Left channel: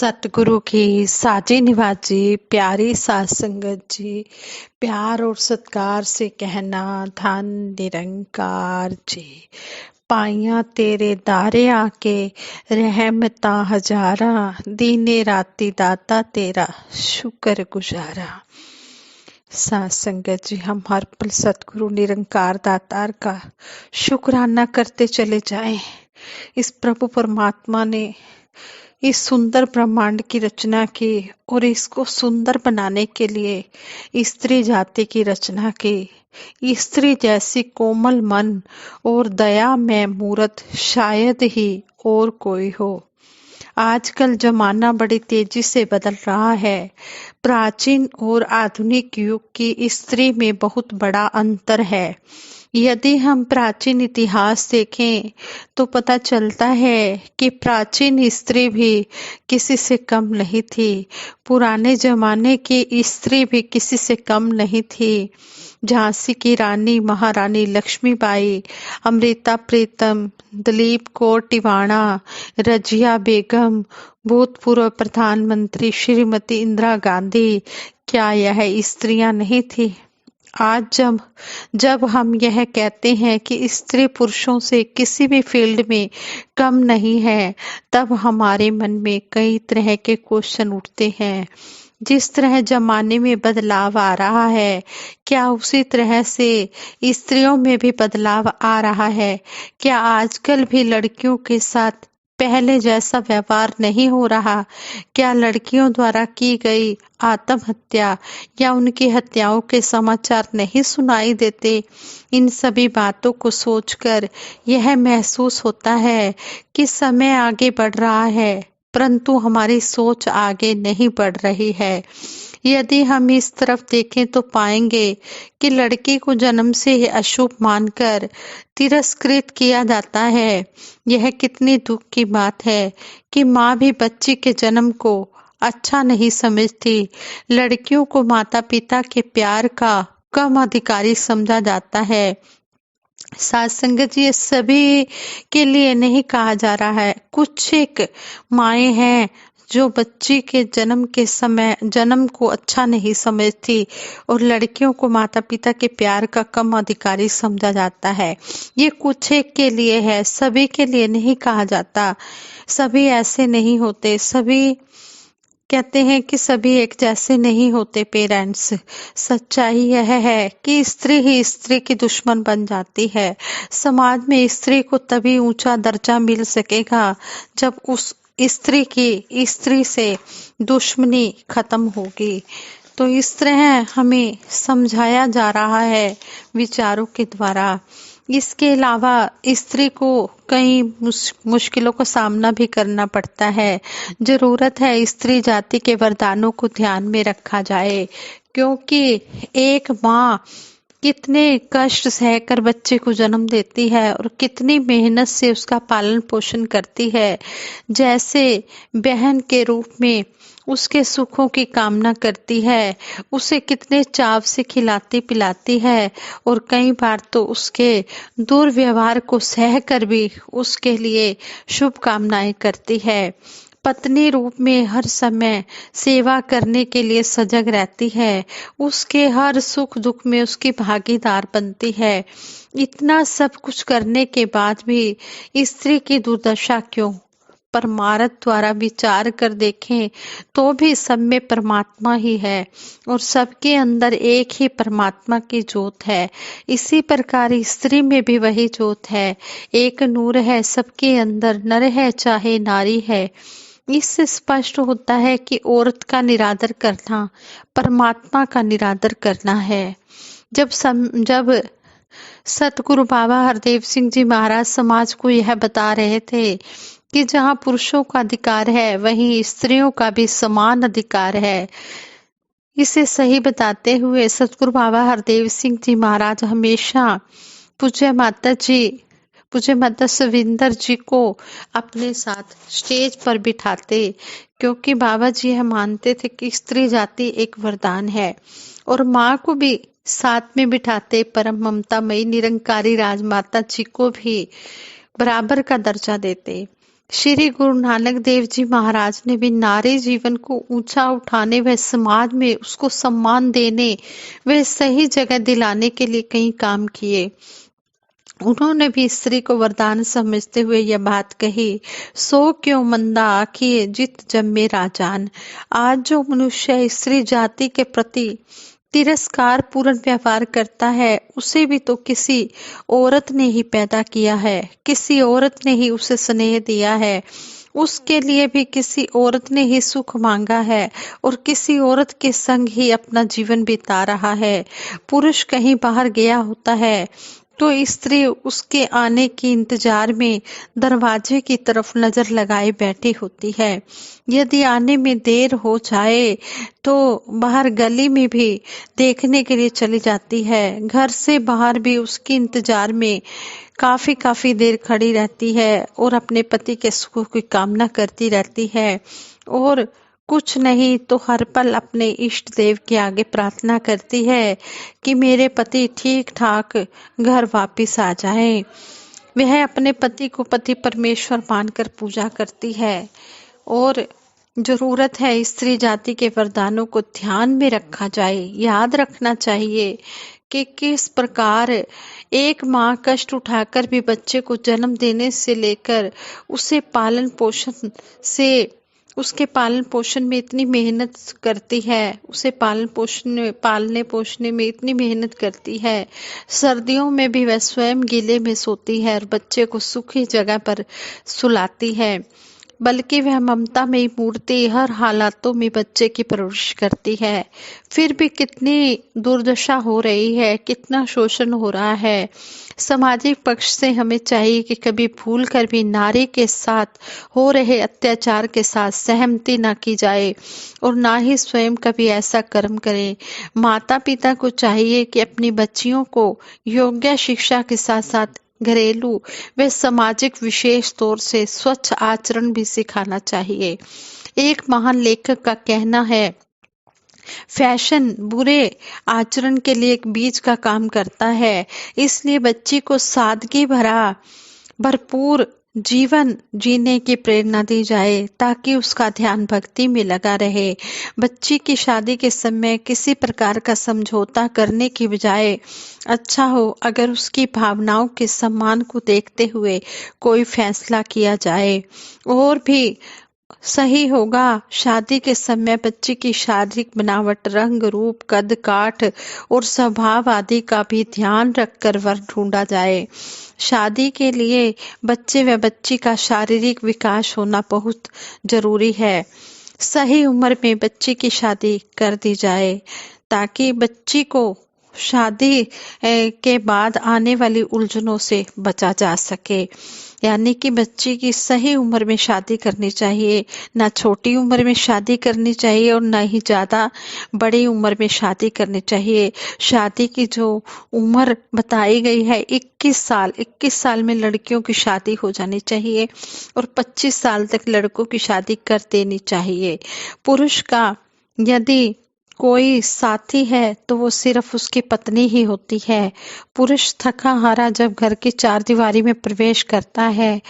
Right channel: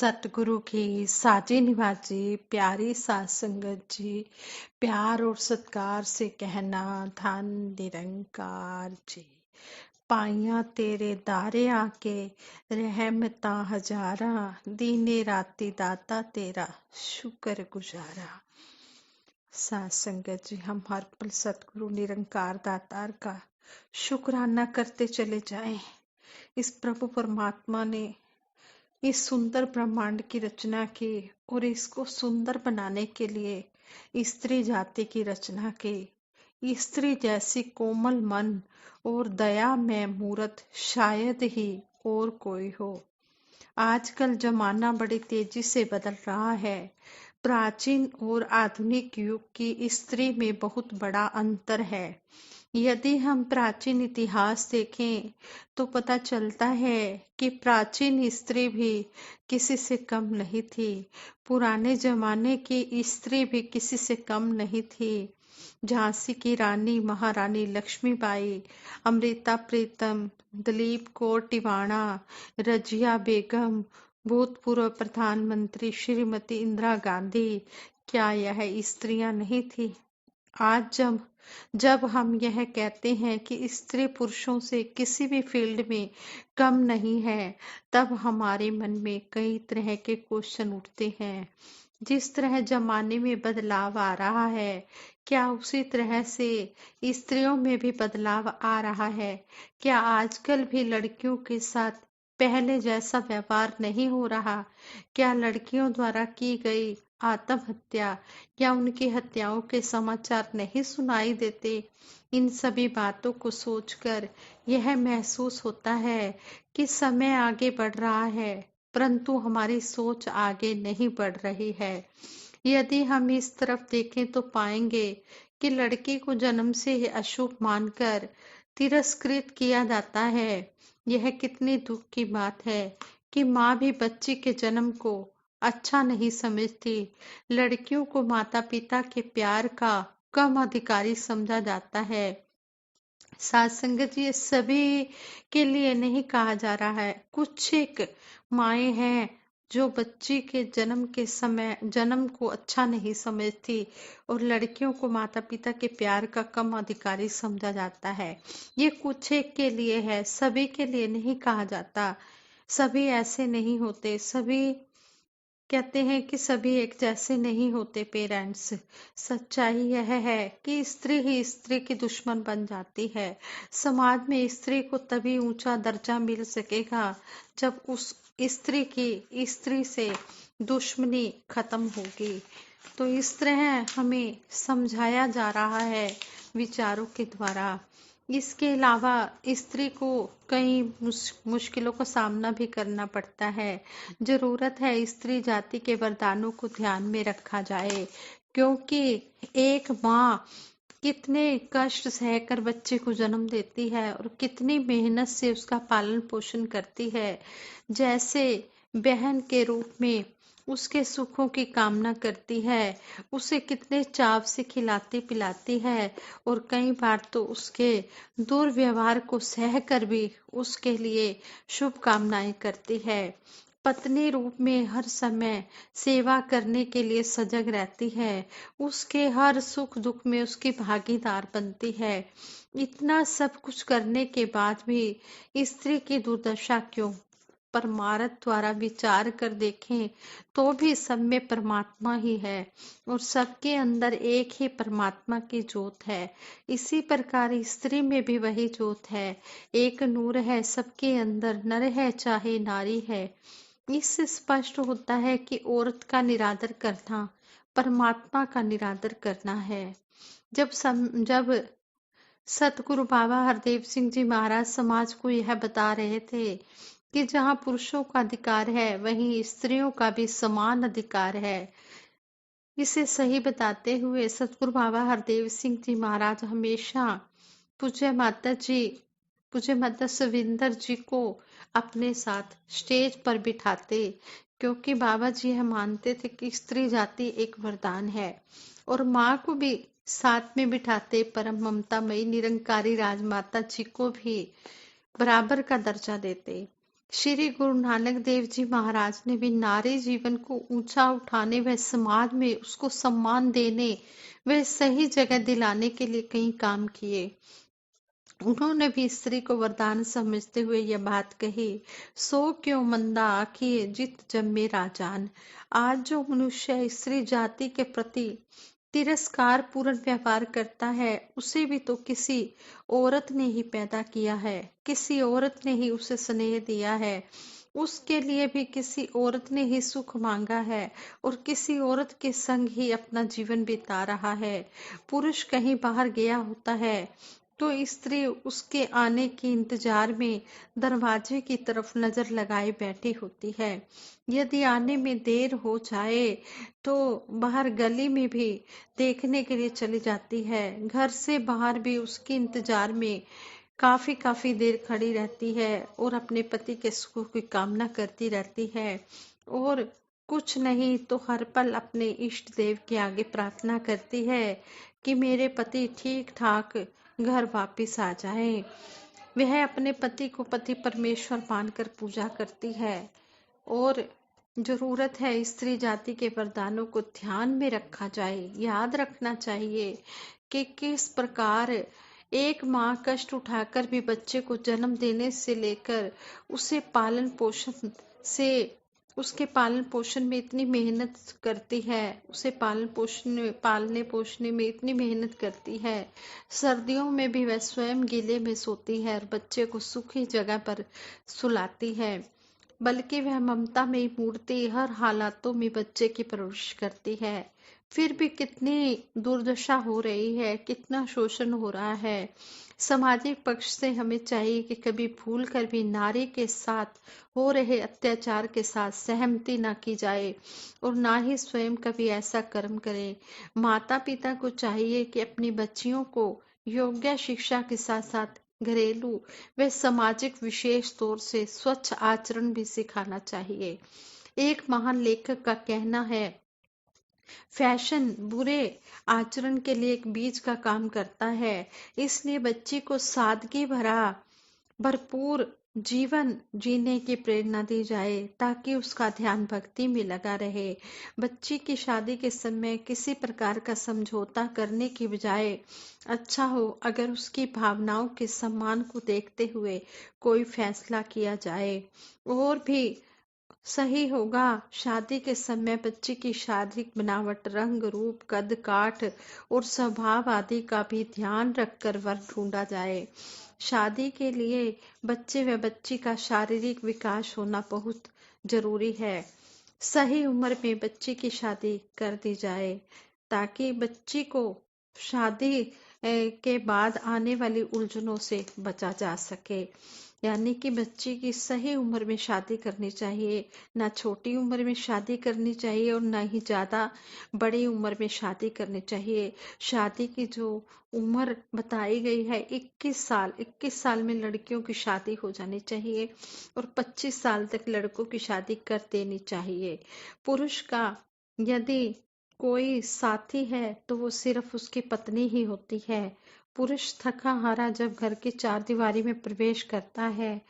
सतगुरु की साजी निवाजी प्यारी सात संगत जी, प्यार और सत्कार से कहना धन निरंकार जी। पाइया तेरे दारे आके रहमता हजारा, दीने राती दाता तेरा शुक्र गुजारा। सात संगत जी, हम हर पल सतगुरु निरंकार दातार का शुक्राना करते चले जाएं। इस प्रभु परमात्मा ने इस सुंदर ब्रह्मांड की रचना की और इसको सुंदर बनाने के लिए स्त्री जाति की रचना की। स्त्री जैसी कोमल मन और दया में मूरत शायद ही और कोई हो। आजकल जमाना बड़ी तेजी से बदल रहा है। प्राचीन और आधुनिक युग की स्त्री में बहुत बड़ा अंतर है। यदि हम प्राचीन इतिहास देखें तो पता चलता है कि प्राचीन स्त्री भी किसी से कम नहीं थी। पुराने जमाने की स्त्री भी किसी से कम नहीं थी। झांसी की रानी महारानी लक्ष्मीबाई, अमृता प्रीतम, दलीप कौर टिवाणा, रजिया बेगम, भूतपूर्व प्रधानमंत्री श्रीमती इंदिरा गांधी, क्या यह स्त्रियां नहीं थी? आज जब हम यह कहते हैं कि स्त्री पुरुषों से किसी भी फील्ड में कम नहीं है, तब हमारे मन में कई तरह के क्वेश्चन उठते हैं। जिस तरह जमाने में बदलाव आ रहा है, क्या उसी तरह से स्त्रियों में भी बदलाव आ रहा है? क्या आजकल भी लड़कियों के साथ पहले जैसा व्यवहार नहीं हो रहा? क्या लड़कियों द्वारा की गई आत्महत्या या उनकी हत्याओं के समाचार नहीं सुनाई देते? इन सभी बातों को सोचकर यह महसूस होता है कि समय आगे बढ़ रहा है, परंतु हमारी सोच आगे नहीं बढ़ रही है। यदि हम इस तरफ देखें तो पाएंगे कि लड़की को जन्म से ही अशुभ मानकर तिरस्कृत किया जाता है। यह कितनी दुख की बात है कि माँ भी बच्ची के जन्म को अच्छा नहीं समझती। लड़कियों को माता पिता के प्यार का कम अधिकारी समझा जाता है। सात संगत जी, ये सभी के लिए नहीं कहा जा रहा है। कुछ एक माएँ हैं जो बच्ची के जन्म के समय जन्म को अच्छा नहीं समझती और लड़कियों को माता पिता के प्यार का कम अधिकारी समझा जाता है। ये कुछ एक के लिए है, सभी के लिए नहीं कहा जाता। सभी ऐसे नहीं होते। सभी कहते हैं कि सभी एक जैसे नहीं होते पेरेंट्स। सच्चाई यह है कि स्त्री ही स्त्री की दुश्मन बन जाती है। समाज में स्त्री को तभी ऊंचा दर्जा मिल सकेगा जब उस स्त्री से दुश्मनी खत्म होगी। तो इस तरह हमें समझाया जा रहा है विचारों के द्वारा। इसके अलावा स्त्री को कई मुश्किलों का सामना भी करना पड़ता है। जरूरत है स्त्री जाति के वरदानों को ध्यान में रखा जाए, क्योंकि एक माँ कितने कष्ट सहकर बच्चे को जन्म देती है और कितनी मेहनत से उसका पालन पोषण करती है। जैसे बहन के रूप में उसके सुखों की कामना करती है, उसे कितने चाव से खिलाती पिलाती है और कई बार तो उसके दुर्व्यवहार को सहकर भी उसके लिए शुभकामनाएं करती है। पत्नी रूप में हर समय सेवा करने के लिए सजग रहती है, उसके हर सुख दुख में उसकी भागीदार बनती है। इतना सब कुछ करने के बाद भी स्त्री की दुर्दशा क्यों? परमार्थ द्वारा विचार कर देखें तो भी सब में परमात्मा ही है और सबके अंदर एक ही परमात्मा की ज्योत है। इसी प्रकार स्त्री में भी वही ज्योत है, एक नूर है सबके अंदर, नर है चाहे नारी है। इससे स्पष्ट होता है कि औरत का निरादर करना परमात्मा का निरादर करना है। जब सतगुरु बाबा हरदेव सिंह जी महाराज समाज को यह बता रहे थे कि जहाँ पुरुषों का अधिकार है वहीं स्त्रियों का भी समान अधिकार है, इसे सही बताते हुए सतगुरु बाबा हरदेव सिंह जी महाराज हमेशा पूज्य माता जी पूज्य माता सविंदर जी को अपने साथ स्टेज पर बिठाते, क्योंकि बाबा जी यह मानते थे कि स्त्री जाति एक वरदान है। और माँ को भी साथ में बिठाते, परम ममता मई निरंकारी राजमाता जी को भी बराबर का दर्जा देते। श्री गुरु नानक देव जी महाराज ने भी नारी जीवन को ऊंचा उठाने व समाज में उसको सम्मान देने व सही जगह दिलाने के लिए कई काम किए। उन्होंने भी स्त्री को वरदान समझते हुए यह बात कही, सो क्यों मंदा आखिए जित जम्मे राजान। आज जो मनुष्य स्त्री जाति के प्रति तिरस्कार पूर्ण व्यवहार करता है, उसे भी तो किसी औरत ने ही पैदा किया है, किसी औरत ने ही उसे स्नेह दिया है, उसके लिए भी किसी औरत ने ही सुख मांगा है और किसी औरत के संग ही अपना जीवन बिता रहा है। पुरुष कहीं बाहर गया होता है तो स्त्री उसके आने के इंतजार में दरवाजे की तरफ नजर लगाए बैठी होती है। यदि आने में देर हो जाए तो बाहर गली में भी देखने के लिए चली जाती है। घर से बाहर भी उसके इंतजार में काफी काफी देर खड़ी रहती है और अपने पति के सुख की कामना करती रहती है और कुछ नहीं तो हर पल अपने इष्ट देव के आगे प्रार्थना करती है कि मेरे पति ठीक ठाक घर वापस आ जाए। वह अपने पति को पति परमेश्वर मानकर पूजा करती है और जरूरत है स्त्री जाति के वरदानों को ध्यान में रखा जाए। याद रखना चाहिए कि किस प्रकार एक माँ कष्ट उठाकर भी बच्चे को जन्म देने से लेकर उसे पालन पोषण से उसके पालन पोषण में इतनी मेहनत करती है, उसे पालने पोषने में इतनी मेहनत करती है। सर्दियों में भी वह स्वयं गीले में सोती है और बच्चे को सुखी जगह पर सुलाती है, बल्कि वह ममता में मूर्ति हर हालातों में बच्चे की परवरिश करती है। फिर भी कितनी दुर्दशा हो रही है, कितना शोषण हो रहा है। सामाजिक पक्ष से हमें चाहिए कि कभी भूल कर भी नारी के साथ हो रहे अत्याचार के साथ सहमति ना की जाए और ना ही स्वयं कभी ऐसा कर्म करें। माता पिता को चाहिए कि अपनी बच्चियों को योग्य शिक्षा के साथ साथ घरेलू व सामाजिक विशेष तौर से स्वच्छ आचरण भी सिखाना चाहिए। एक महान लेखक का कहना है, फैशन बुरे आचरण के लिए एक बीज का काम करता है, इसलिए बच्ची को सादगी भरा भरपूर जीवन जीने की प्रेरणा दी जाए ताकि उसका ध्यान भक्ति में लगा रहे। बच्ची की शादी के समय किसी प्रकार का समझौता करने की बजाय अच्छा हो अगर उसकी भावनाओं के सम्मान को देखते हुए कोई फैसला किया जाए, और भी सही होगा। शादी के समय बच्ची की शारीरिक बनावट, रंग रूप, कद काठ और स्वभाव आदि का भी ध्यान रखकर वर ढूंढा जाए। शादी के लिए बच्चे व बच्ची का शारीरिक विकास होना बहुत जरूरी है। सही उम्र में बच्ची की शादी कर दी जाए ताकि बच्ची को शादी के बाद आने वाली उलझनों से बचा जा सके। यानी कि बच्ची की सही उम्र में शादी करनी चाहिए, ना छोटी उम्र में शादी करनी चाहिए और ना ही ज़्यादा बड़ी उम्र में शादी करनी चाहिए। शादी की जो उम्र बताई गई है 21 साल में लड़कियों की शादी हो जानी चाहिए और 25 साल तक लड़कों की शादी कर देनी चाहिए। पुरुष का यदि कोई साथी है तो वो सिर्फ उसकी पत्नी ही होती है। पुरुष थका हारा जब घर की चारदीवारी में प्रवेश करता है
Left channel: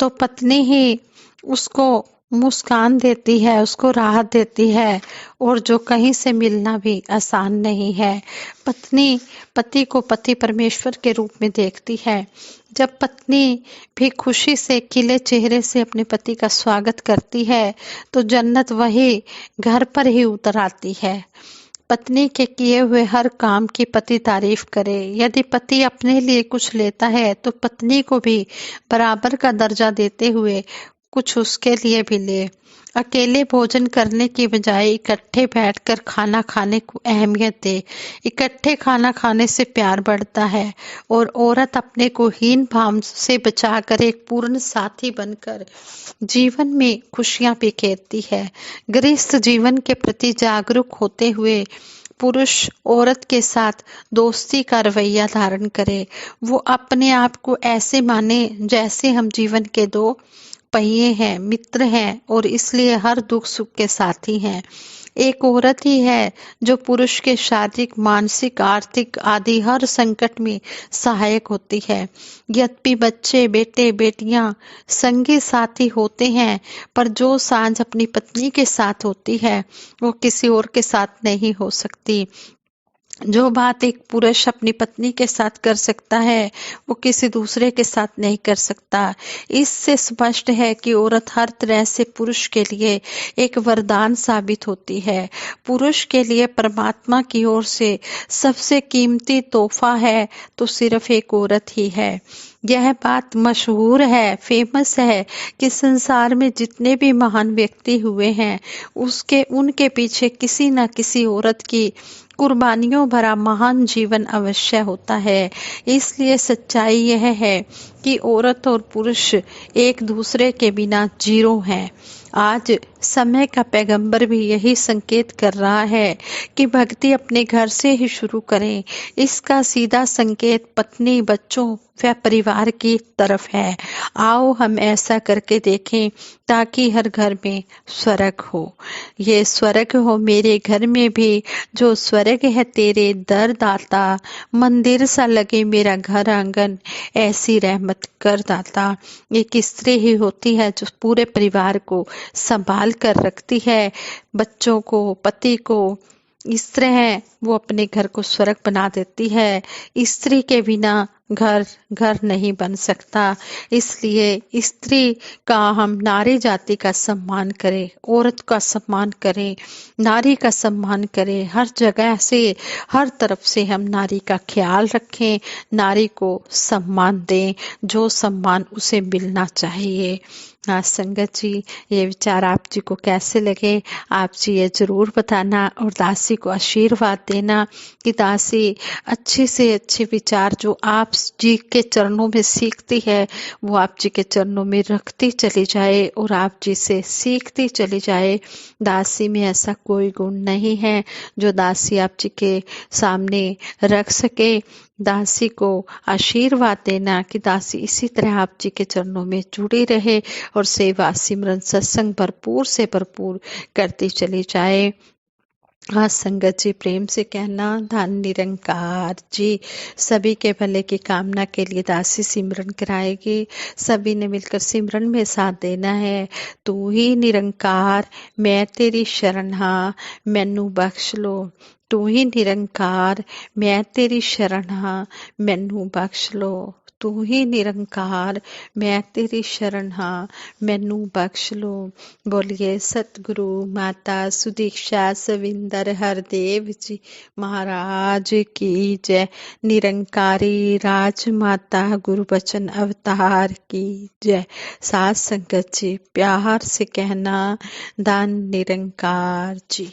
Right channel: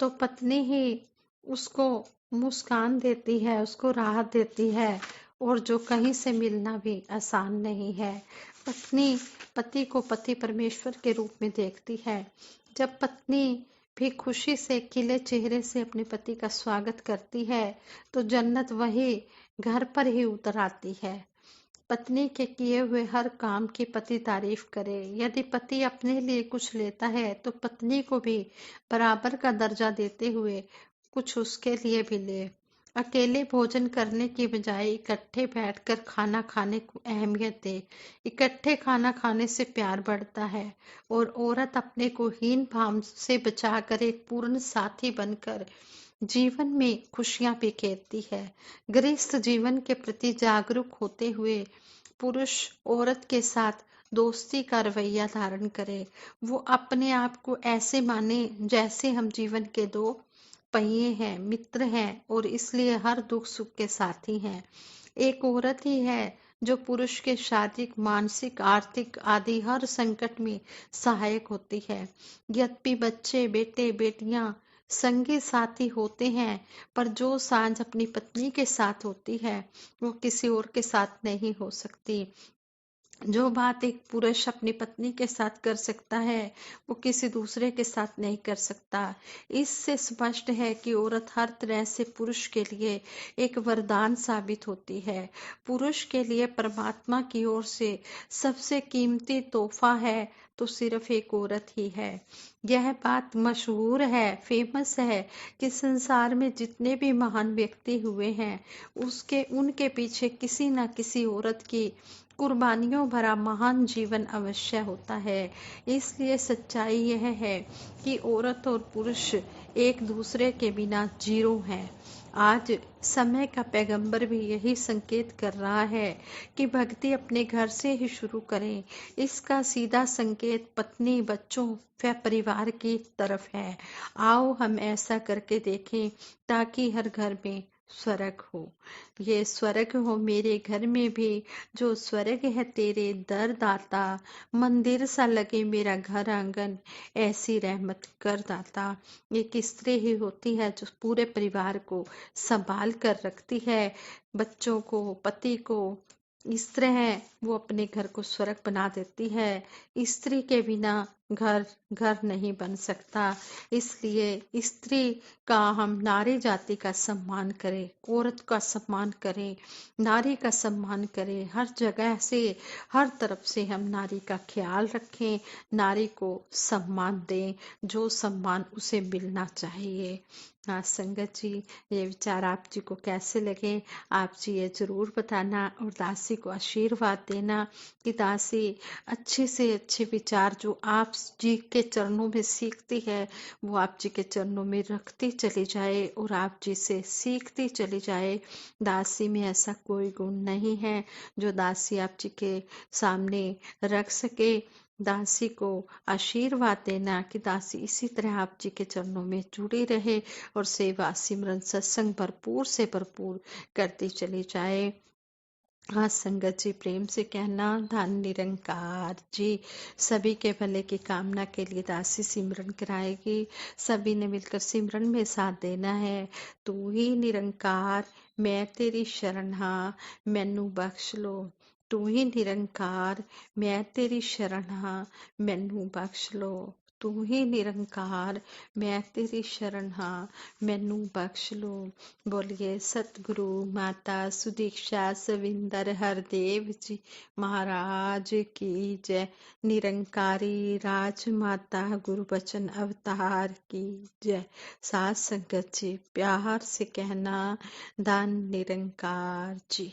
तो पत्नी ही उसको मुस्कान देती है, उसको राहत देती है और जो कहीं से मिलना भी आसान नहीं है। पत्नी पति को पति परमेश्वर के रूप में देखती है। जब पत्नी भी खुशी से खिले चेहरे से अपने पति का स्वागत करती है तो जन्नत वही घर पर ही उतर आती है। पत्नी के किए हुए हर काम की पति तारीफ करे। यदि पति अपने लिए कुछ लेता है तो पत्नी को भी बराबर का दर्जा देते हुए कुछ उसके लिए भी ले। अकेले भोजन करने की बजाय इकट्ठे बैठकर खाना खाने को अहमियत दे। इकट्ठे खाना खाने से प्यार बढ़ता है और औरत अपने को हीन भाव से बचाकर एक पूर्ण साथी बनकर जीवन में खुशियां बिखेरती है। गृहस्थ जीवन के प्रति जागरूक होते हुए पुरुष औरत के साथ दोस्ती का रवैया धारण करे। वो अपने आप को ऐसे माने जैसे हम जीवन के दो पहिए हैं, मित्र हैं और इसलिए हर दुख सुख के साथी हैं। एक औरत ही है जो पुरुष के शारीरिक, मानसिक, आर्थिक आदि हर संकट में सहायक होती है। यद्यपि बच्चे, बेटे, बेटियां संगी साथी होते हैं, पर जो सांझ अपनी पत्नी के साथ होती है, वो किसी और के साथ नहीं हो सकती। जो बात एक पुरुष अपनी पत्नी के साथ कर सकता है, वो किसी दूसरे के साथ नहीं कर सकता। इससे स्पष्ट है कि औरत हर तरह से पुरुष के लिए एक वरदान साबित होती है। पुरुष के लिए परमात्मा की ओर से सबसे कीमती तोहफा है तो सिर्फ एक औरत ही है। यह बात मशहूर है, फेमस है कि संसार में जितने भी महान व्यक्ति हुए हैं, उसके उनके पीछे किसी न किसी औरत की कुर्बानियों भरा महान जीवन अवश्य होता है। इसलिए सच्चाई यह है कि औरत और पुरुष एक दूसरे के बिना जीरो हैं। आज समय का पैगंबर भी यही संकेत कर रहा है कि भक्ति अपने घर से ही शुरू करें। इसका सीधा संकेत पत्नी, बच्चों व परिवार की तरफ है। आओ हम ऐसा करके देखें ताकि हर घर में स्वर्ग हो। ये स्वर्ग हो मेरे घर में भी, जो स्वर्ग है तेरे दर दाता। मंदिर सा लगे मेरा घर आंगन, ऐसी रहमत कर दाता। एक स्त्री ही होती है जो पूरे परिवार को संभाल कर रखती है, बच्चों को, पति को। स्त्री है वो अपने घर को स्वर्ग बना देती है। स्त्री के बिना घर घर नहीं बन सकता। इसलिए स्त्री का, हम नारी जाति का सम्मान करें, औरत का सम्मान करें, नारी का सम्मान करें। हर जगह से, हर तरफ से हम नारी का ख्याल रखें, नारी को सम्मान दें, जो सम्मान उसे मिलना चाहिए। हाँ संगत जी, ये विचार आप जी को कैसे लगे, आप जी ये जरूर बताना और दासी को आशीर्वाद देना कि दासी अच्छे से अच्छे विचार जो आप जी के चरणों में सीखती है, वो आप जी के चरणों में रखती चली जाए और आप जी से सीखती चली जाए। दासी में ऐसा कोई गुण नहीं है जो दासी आप जी के सामने रख सके। दासी को आशीर्वाद देना कि दासी इसी तरह आप जी के चरणों में जुड़ी रहे और सेवा, सिमरन, सत्संग भरपूर से भरपूर करती चली जाए। हाँ संगत जी, प्रेम से कहना, धन निरंकार जी सभी के भले की कामना के लिए दासी सिमरन कराएगी। सभी ने मिलकर सिमरन में साथ देना है। तू ही निरंकार, मैं तेरी शरण हाँ, मैनू बख्श लो। तू ही निरंकार, मैं तेरी शरण हाँ, मैनू बख्श लो। तू ही निरंकार, मैं तेरी शरण हाँ, मैनू बख्श लो। बोलिए सतगुरु माता सुदीक्षा सविंदर हरदेव जी महाराज की जय। निरंकारी राजमाता गुरु बचन अवतार की जय। साथ संगत जी प्यार से कहना, दान निरंकार जी।